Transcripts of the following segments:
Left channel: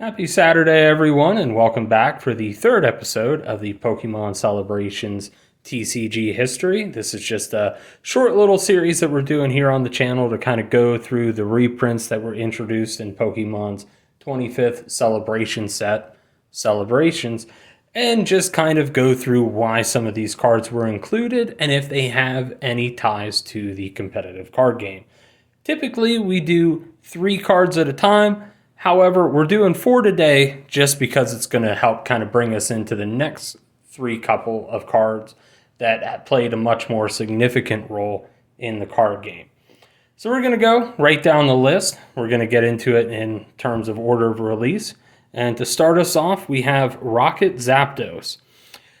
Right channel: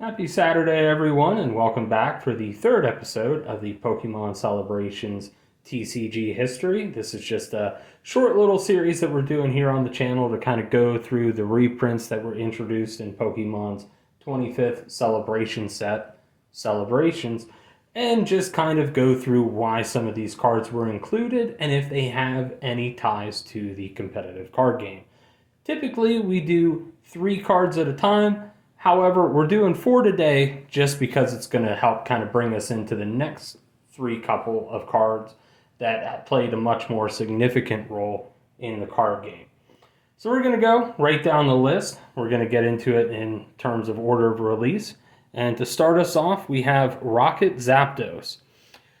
Happy Saturday, everyone, and welcome back for the third episode of the Pokemon Celebrations TCG history. This is just a short little series that we're doing here on the channel to kind of go through the reprints that were introduced in Pokemon's 25th celebration set, Celebrations, and just kind of go through why some of these cards were included and if they have any ties to the competitive card game. Typically, we do 3 cards at a time. However, we're doing 4 today just because it's going to help kind of bring us into the next 3 couple of cards that played a much more significant role in the card game. So we're going to go right down the list. We're going to get into it in terms of order of release. And to start us off, we have Rocket Zapdos.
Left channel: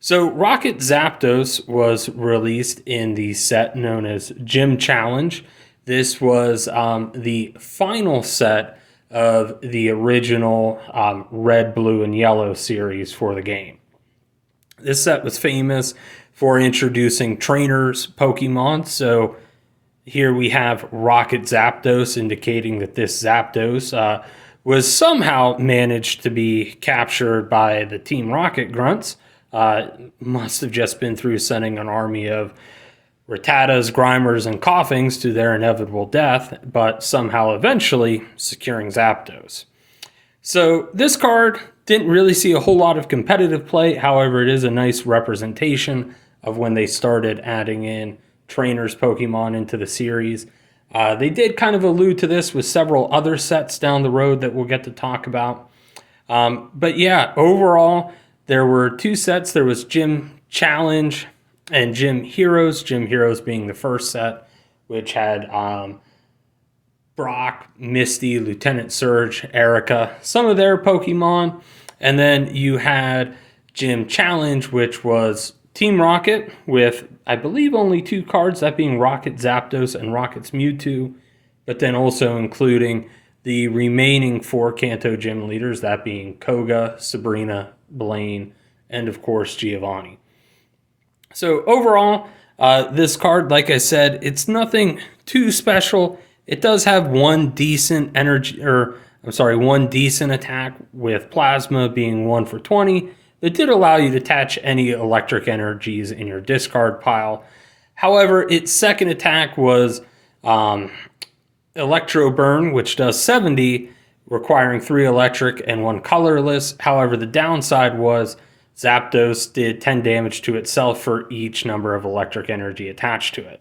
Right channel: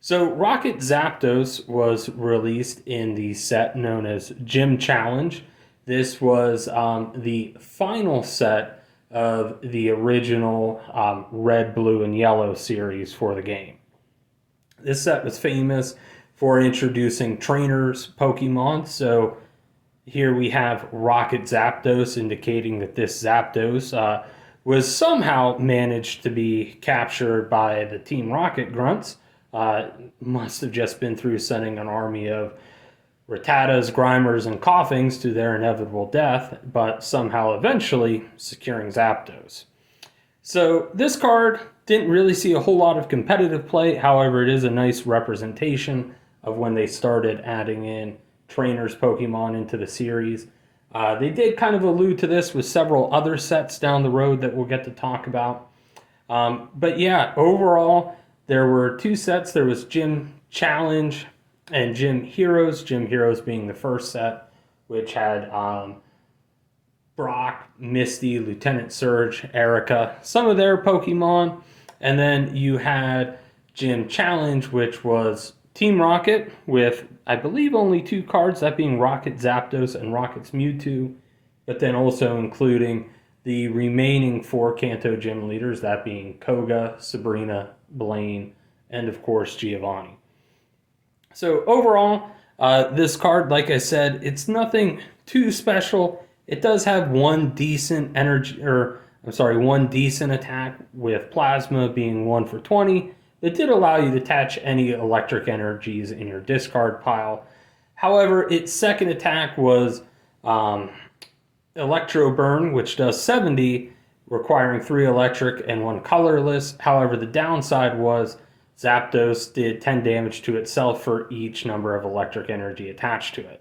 So Rocket Zapdos was released in the set known as Gym Challenge. This was the final set of the original red, blue, and yellow series for the game. This set was famous for introducing trainers Pokemon. So here we have Rocket Zapdos, indicating that this Zapdos was somehow managed to be captured by the Team Rocket Grunts. Must have just been through sending an army of Rattatas, Grimers, and Coughings to their inevitable death, but somehow eventually securing Zapdos. So this card didn't really see a whole lot of competitive play. However, it is a nice representation of when they started adding in trainers Pokemon into the series. They did kind of allude to this with several other sets down the road that we'll get to talk about. But yeah, overall, there were 2 sets. There was Gym Challenge and Gym Heroes. Gym Heroes being the first set, which had Brock, Misty, Lieutenant Surge, Erica, some of their Pokemon. And then you had Gym Challenge, which was Team Rocket with, I believe, only 2 cards, that being Rocket Zapdos and Rocket's Mewtwo, but then also including the remaining 4 Kanto Gym leaders, that being Koga, Sabrina, Blaine, and of course Giovanni. So overall, this card, like I said, it's nothing too special. It does have one decent one decent attack with Plasma being 1 for 20. It did allow you to attach any electric energies in your discard pile. However, its second attack was Electro Burn, which does 70, requiring 3 electric and 1 colorless. However, the downside was Zapdos did 10 damage to itself for each number of electric energy attached to it.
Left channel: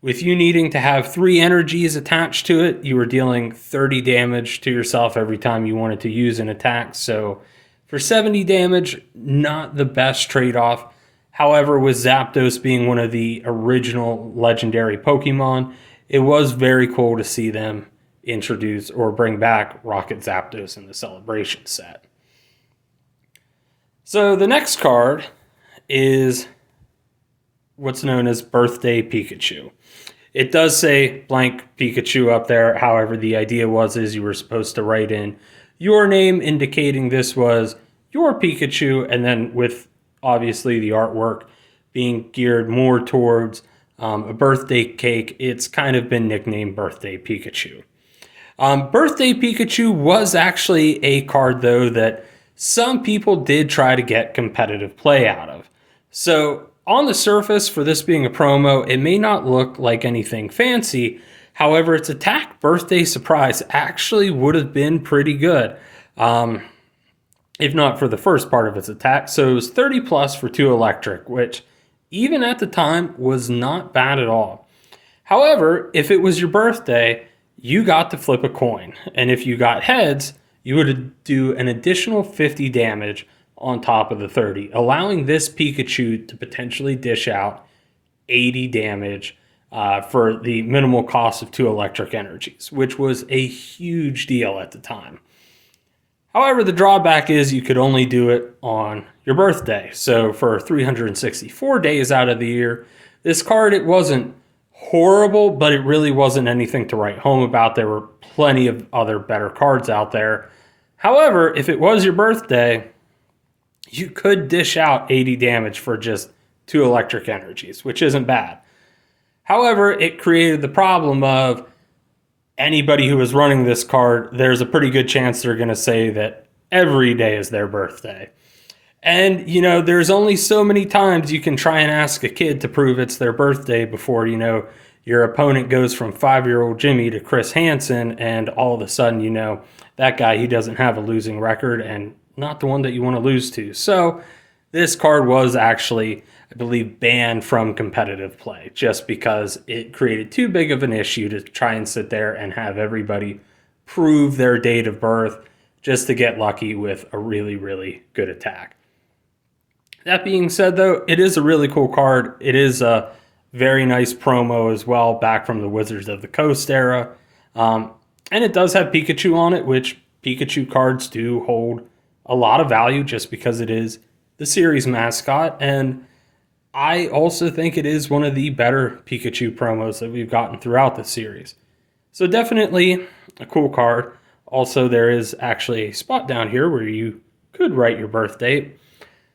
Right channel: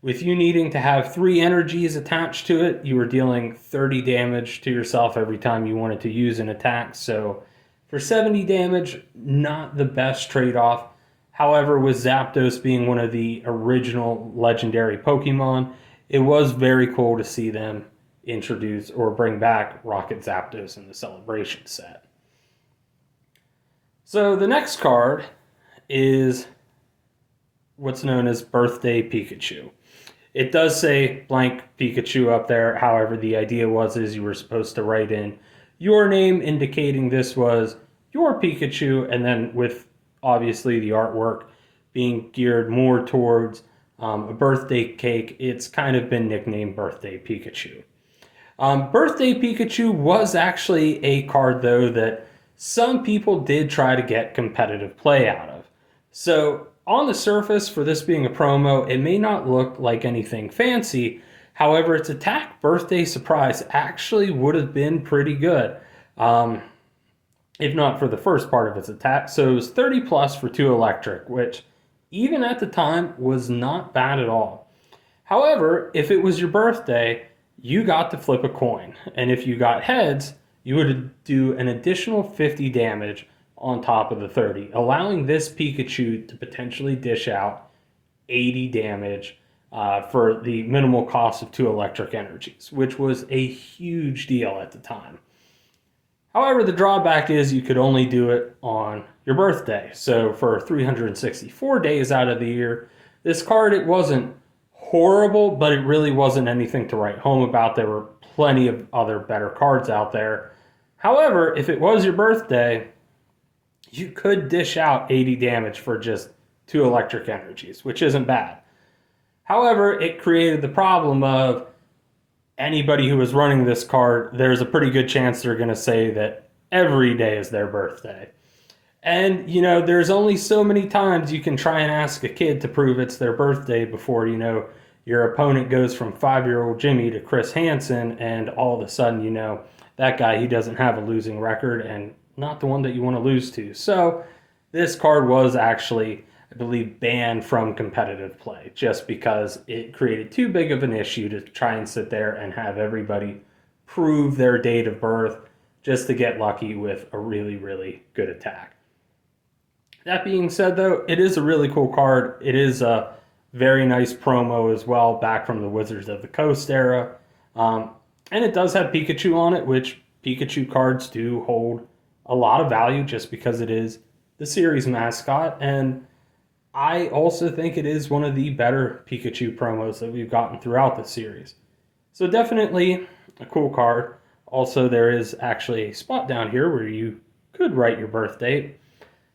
With you needing to have 3 energies attached to it, you were dealing 30 damage to yourself every time you wanted to use an attack. So for 70 damage, not the best trade-off. However, with Zapdos being one of the original legendary Pokemon, it was very cool to see them introduce or bring back Rocket Zapdos in the Celebration set. So the next card is what's known as Birthday Pikachu. It does say blank Pikachu up there. However, the idea is you were supposed to write in your name indicating this was your Pikachu, and then with obviously the artwork being geared more towards a birthday cake, it's kind of been nicknamed Birthday Pikachu. Birthday Pikachu was actually a card, though, that some people did try to get competitive play out of. So on the surface, for this being a promo, it may not look like anything fancy. However, its attack Birthday Surprise actually would have been pretty good, if not for the first part of its attack. So it was 30 plus for 2 electric, which even at the time was not bad at all. However, if it was your birthday, you got to flip a coin. And if you got heads, you would do an additional 50 damage on top of the 30, allowing this Pikachu to potentially dish out 80 damage for the minimal cost of 2 electric energies, which was a huge deal at the time. However, the drawback is you could only do it on your birthday. So for 364 days out of the year, this card, it wasn't horrible, but it really wasn't anything to write home about. There were plenty of other better cards out there. However, if it was your birthday, you could dish out 80 damage for just 2 electric energies, which isn't bad. However, it created the problem of anybody who was running this card, there's a pretty good chance they're going to say that every day is their birthday. And, there's only so many times you can try and ask a kid to prove it's their birthday before, your opponent goes from 5-year-old Jimmy to Chris Hansen, and all of a sudden, that guy, he doesn't have a losing record and not the one that you want to lose to. So this card was actually, I believe, banned from competitive play just because it created too big of an issue to try and sit there and have everybody prove their date of birth just to get lucky with a really, really good attack. That being said, though, it is a really cool card. It is a very nice promo as well, back from the Wizards of the Coast era. And it does have Pikachu on it, which Pikachu cards do hold a lot of value just because it is the series mascot. And I also think it is one of the better Pikachu promos that we've gotten throughout the series. So definitely a cool card. Also, there is actually a spot down here where you could write your birth date.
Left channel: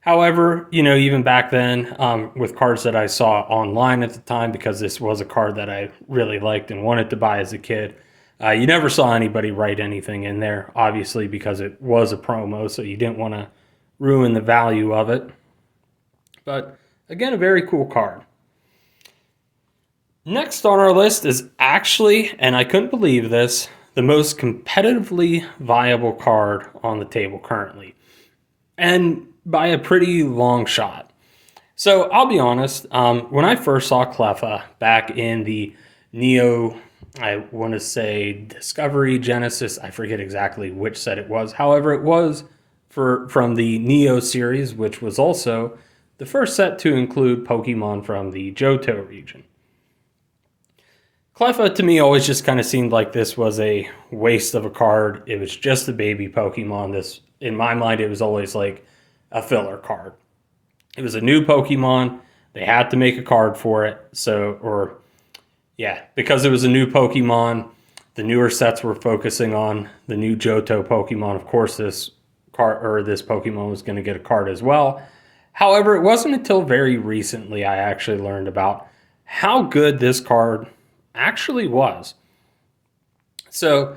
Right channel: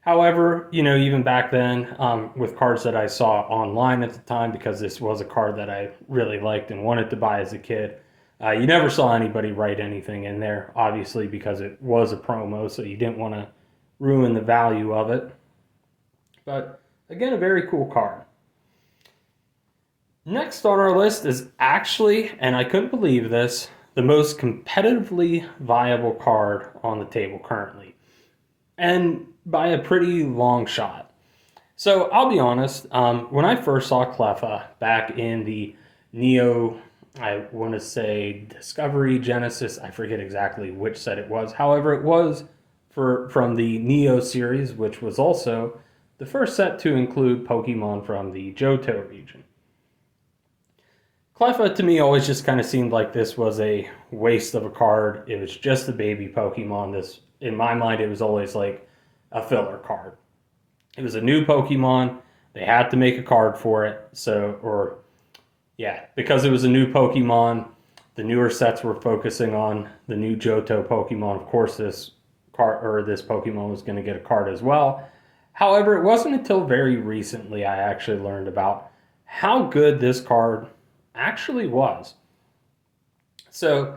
However, even back then, with cards that I saw online at the time, because this was a card that I really liked and wanted to buy as a kid, you never saw anybody write anything in there, obviously, because it was a promo, so you didn't want to ruin the value of it. But again, a very cool card. Next on our list is actually, and I couldn't believe this, the most competitively viable card on the table currently. And by a pretty long shot. So I'll be honest, when I first saw Cleffa back in the Neo, I want to say Discovery, Genesis, I forget exactly which set it was. However, it was from the Neo series, which was also the first set to include Pokemon from the Johto region. Cleffa to me always just kind of seemed like this was a waste of a card. It was just a baby Pokemon. This, in my mind, it was always like a filler card. It was a new Pokemon. They had to make a card for it. Because it was a new Pokemon, the newer sets were focusing on the new Johto Pokemon. Of course, this Pokemon was going to get a card as well. However, it wasn't until very recently I actually learned about how good this card actually was. So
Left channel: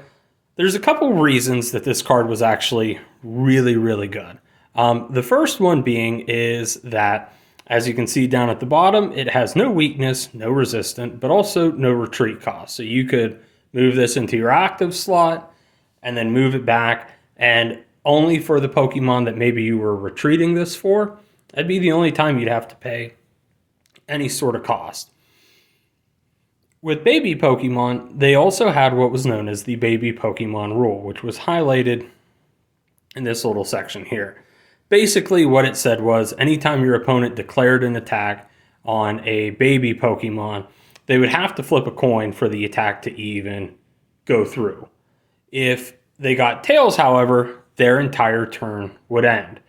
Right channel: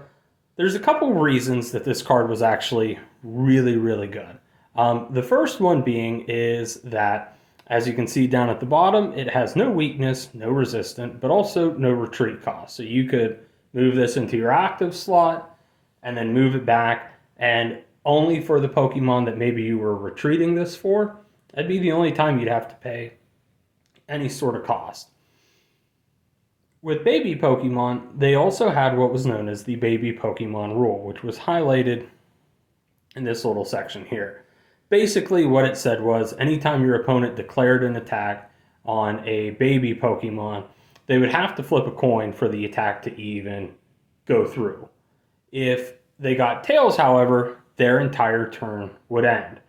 there's a couple reasons that this card was actually really, really good. The first one being is that, as you can see down at the bottom, it has no weakness, no resistant, but also no retreat cost. So you could move this into your active slot and then move it back, and only for the Pokemon that maybe you were retreating this for, that'd be the only time you'd have to pay any sort of cost. With baby Pokemon, they also had what was known as the baby Pokemon rule, which was highlighted in this little section here. Basically, what it said was anytime your opponent declared an attack on a baby Pokemon, they would have to flip a coin for the attack to even go through. If they got tails, however, their entire turn would end.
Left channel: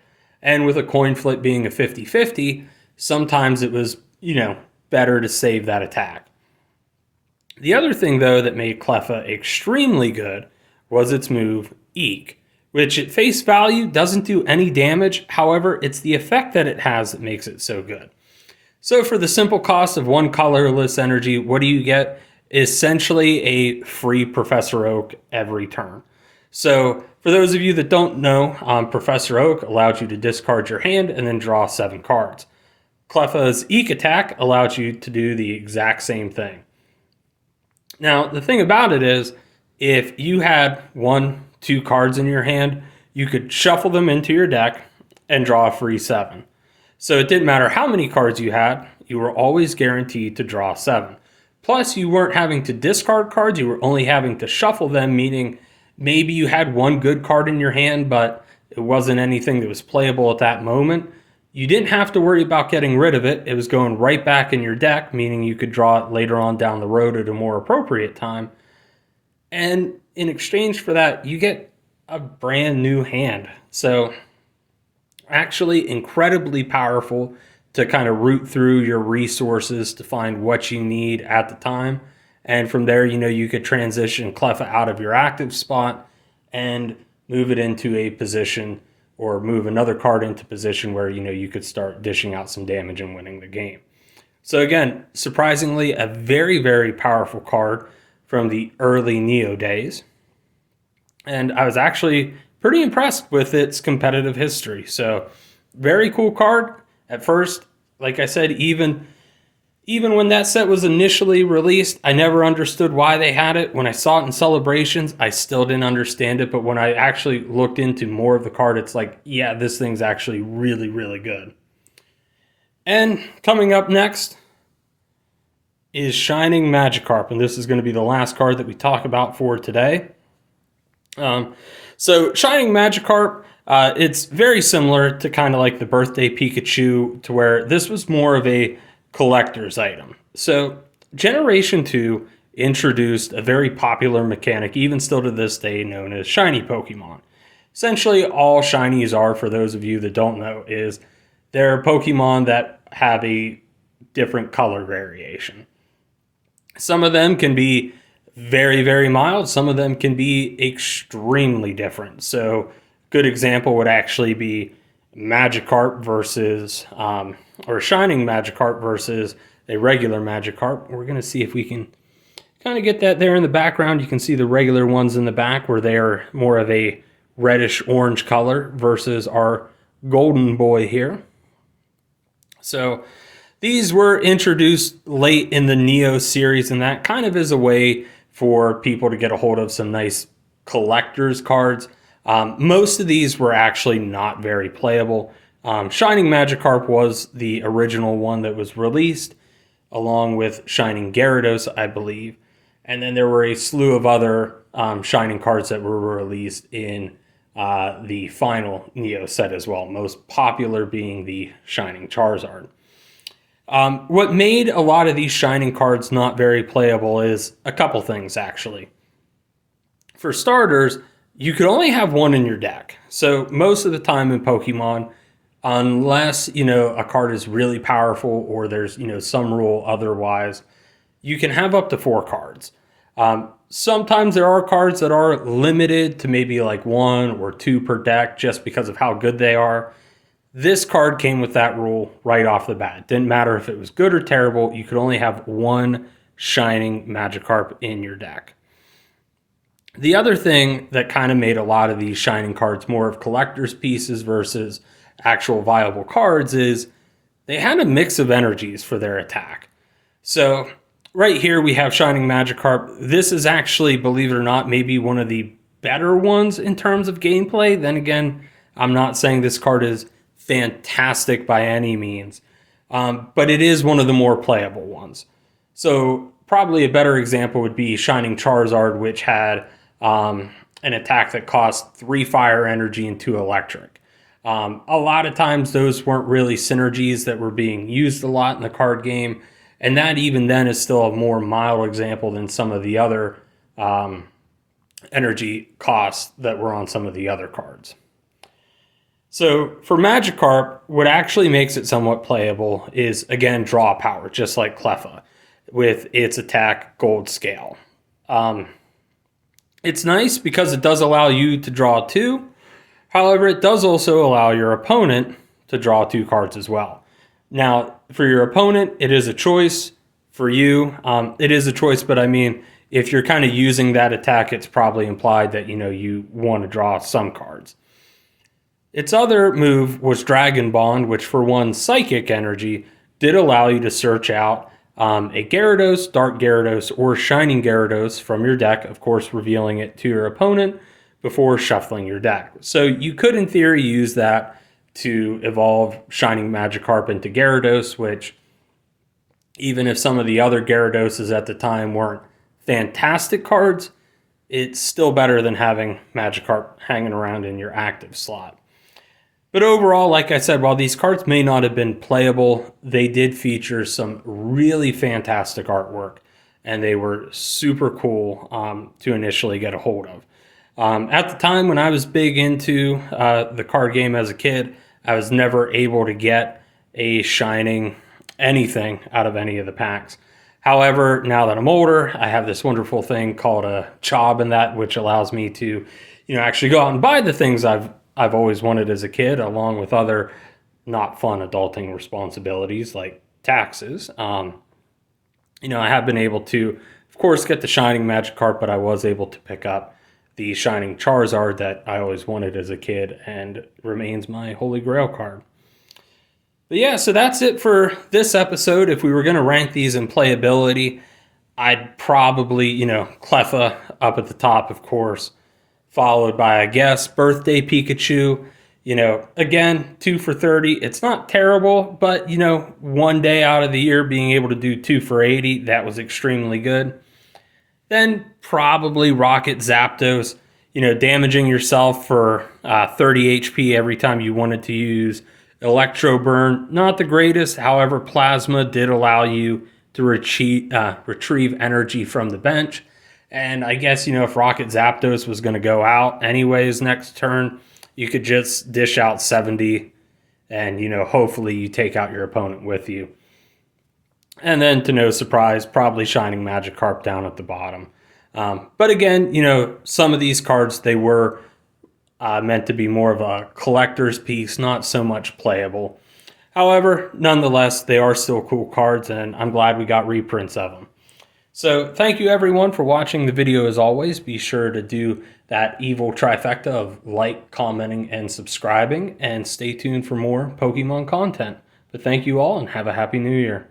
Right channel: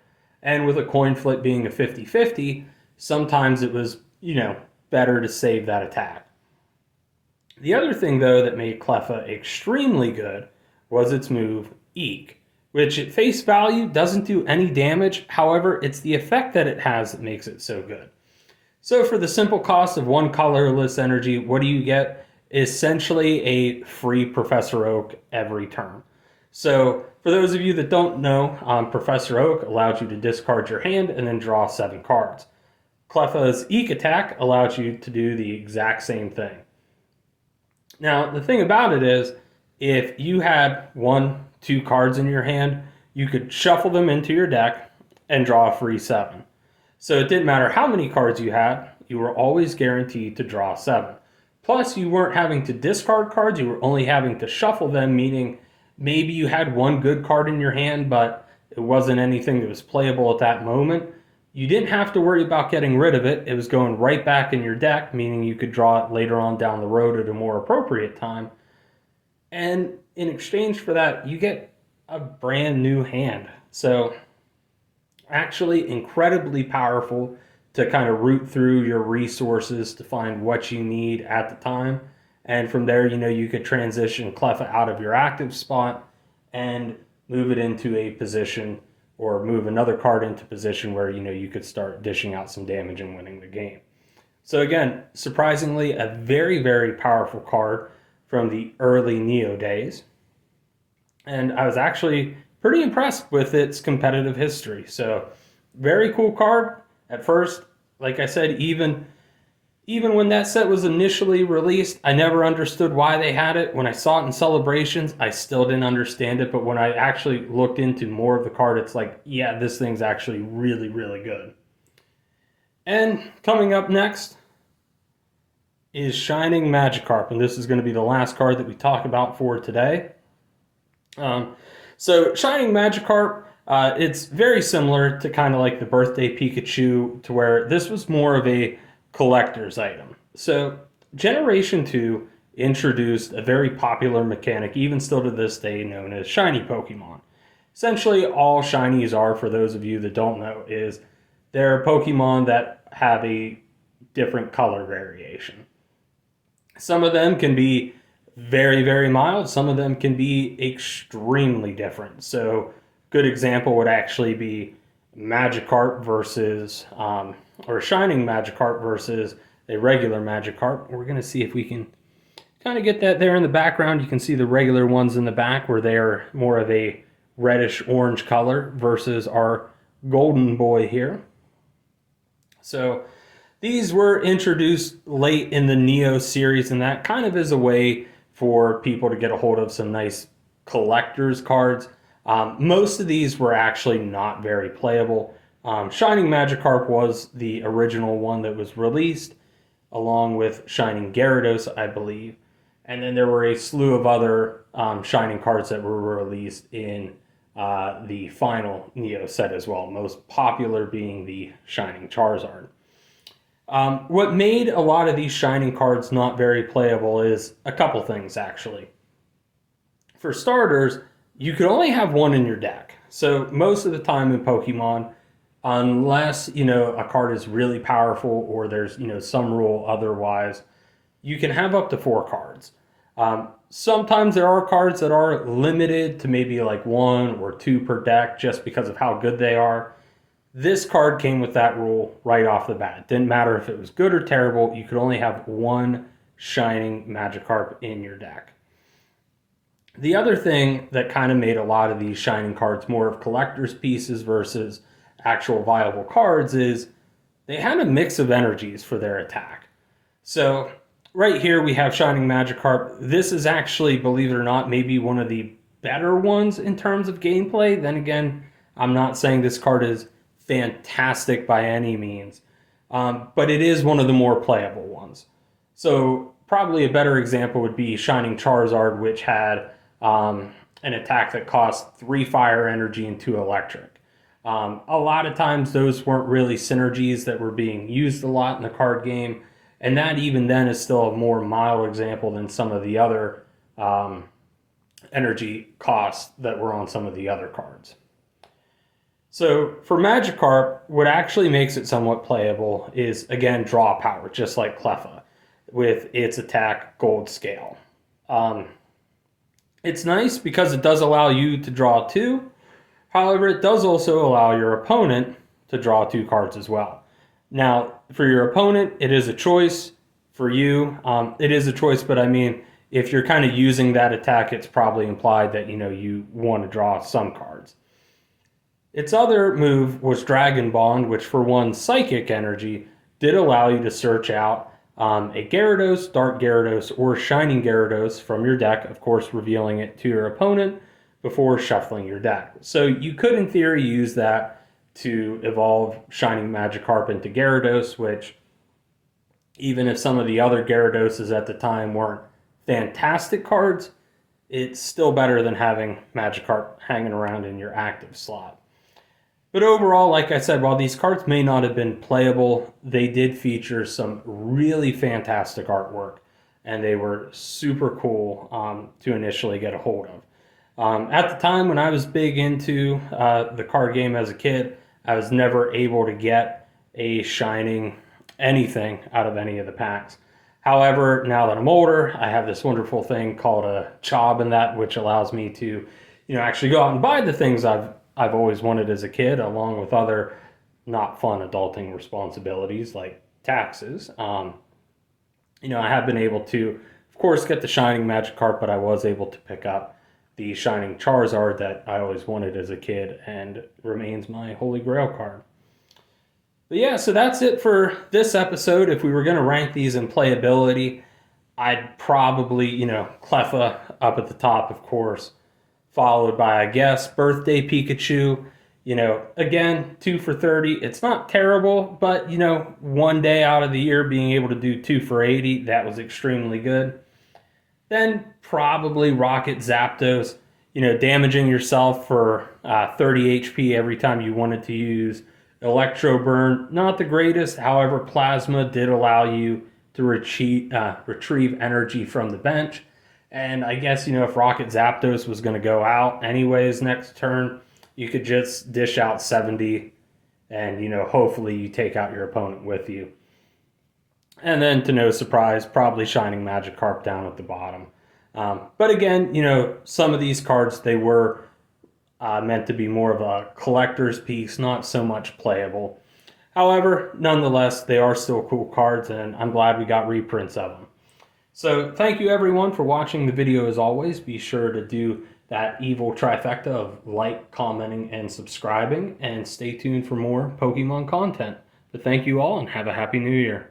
And with a coin flip being a 50-50, sometimes it was, better to save that attack. The other thing, though, that made Cleffa extremely good was its move, Eek, which at face value doesn't do any damage. However, it's the effect that it has that makes it so good. So for the simple cost of one colorless energy, what do you get? Essentially a free Professor Oak every turn. So for those of you that don't know, Professor Oak allowed you to discard your hand and then draw 7 cards. Cleffa's Eek attack allowed you to do the exact same thing. Now, the thing about it is, if you had 1-2 cards in your hand, you could shuffle them into your deck and draw a free 7. So it didn't matter how many cards you had, you were always guaranteed to draw 7. Plus, you weren't having to discard cards, you were only having to shuffle them, meaning maybe you had one good card in your hand, but it wasn't anything that was playable at that moment. You didn't have to worry about getting rid of it. It was going right back in your deck, meaning you could draw it later on down the road at a more appropriate time. And in exchange for that, you get a brand new hand. So actually incredibly powerful to kind of root through your resources to find what you need at the time. And from there, you could transition Cleffa out of your active spot and move it into a position, or move another card into position where, you could start dishing out some damage and winning the game. So again, surprisingly, a very, very powerful card from the early Neo days. And I was actually pretty impressed with its competitive history. So, very cool card. At first, like I said, even when that set was initially released, I never understood why they had it. When I saw it in celebrations, I still didn't understand it. But when I actually looked into more of the card, it's like, yeah, this thing's actually really, really good. And coming up next is Shining Magikarp. And this is going to be the last card that we talk about for today. So Shining Magikarp, it's very similar to kind of like the birthday Pikachu, to where this was more of a collector's item. So Generation 2 introduced a very popular mechanic, even still to this day, known as shiny Pokemon. Essentially, all shinies are, for those of you that don't know, is they're Pokemon that have a different color variation. Some of them can be very, very mild. Some of them can be extremely different. So, good example would actually be Magikarp versus, or Shining Magikarp versus a regular Magikarp. We're going to see if we can kind of get that there in the background. You can see the regular ones in the back where they are more of a reddish orange color versus our golden boy here. So, these were introduced late in the Neo series, and that kind of is a way for people to get a hold of some nice collector's cards. Most of these were actually not very playable. Shining Magikarp was the original one that was released, along with Shining Gyarados, I believe. And then there were a slew of other Shining cards that were released in the final Neo set as well, most popular being the Shining Charizard. What made a lot of these Shining cards not very playable is a couple things, actually. For starters, you could only have one in your deck. So most of the time in Pokemon, unless, a card is really powerful or there's, some rule otherwise, you can have up to 4 cards. Sometimes there are cards that are limited to maybe like 1 or 2 per deck just because of how good they are. This card came with that rule right off the bat. It didn't matter if it was good or terrible. You could only have 1 Shining Magikarp in your deck. The other thing that kind of made a lot of these Shining cards more of collector's pieces versus actual viable cards is they had a mix of energies for their attack. So right here we have Shining Magikarp. This is actually, believe it or not, maybe one of the better ones in terms of gameplay. Then again, I'm not saying this card is fantastic by any means, but it is one of the more playable ones. So probably a better example would be Shining Charizard, which had an attack that cost 3 fire energy and 2 electric. A lot of times those weren't really synergies that were being used a lot in the card game, and that even then is still a more mild example than some of the other energy costs that were on some of the other cards. So for Magikarp, what actually makes it somewhat playable is, again, draw power, just like Cleffa, with its attack gold scale. It's nice because it does allow you to draw 2. However, it does also allow your opponent to draw 2 cards as well. Now, for your opponent, it is a choice. For you, it is a choice, but I mean, if you're kind of using that attack, it's probably implied that, you want to draw some cards. Its other move was Dragon Bond, which for 1 psychic energy did allow you to search out a Gyarados, Dark Gyarados, or Shining Gyarados from your deck, of course revealing it to your opponent before shuffling your deck. So you could in theory use that to evolve Shining Magikarp into Gyarados, which even if some of the other Gyaradoses at the time weren't fantastic cards, it's still better than having Magikarp hanging around in your active slot. But overall, like I said, while these cards may not have been playable, they did feature some really fantastic artwork, and they were super cool to initially get a hold of. At the time when I was big into the card game as a kid, I was never able to get a Shining anything out of any of the packs. However, now that I'm older, I have this wonderful thing called a job in that, which allows me to, actually go out and buy the things I've always wanted as a kid, along with other not fun adulting responsibilities like taxes. I have been able to, of course, get the Shining Magikarp, but I was able to pick up the Shining Charizard that I always wanted as a kid and remains my holy grail card. But yeah, so that's it for this episode. If we were going to rank these in playability, I'd probably, Cleffa up at the top, of course, followed by, I guess, Birthday Pikachu. Again, 2 for 30. It's not terrible, but, one day out of the year being able to do 2 for 80, that was extremely good. Then probably Rocket Zapdos, damaging yourself for 30 HP every time you wanted to use Electro Burn. Not the greatest, however, Plasma did allow you to retrieve energy from the bench. And I guess, if Rocket Zapdos was going to go out anyways next turn, you could just dish out 70 and, hopefully you take out your opponent with you. And then, to no surprise, probably Shining Magikarp down at the bottom. But again, some of these cards, they were meant to be more of a collector's piece, not so much playable. However, nonetheless, they are still cool cards, and I'm glad we got reprints of them. So thank you everyone for watching the video as always. Be sure to do that evil trifecta of like, commenting, and subscribing, and stay tuned for more Pokemon content. But thank you all and have a happy new year.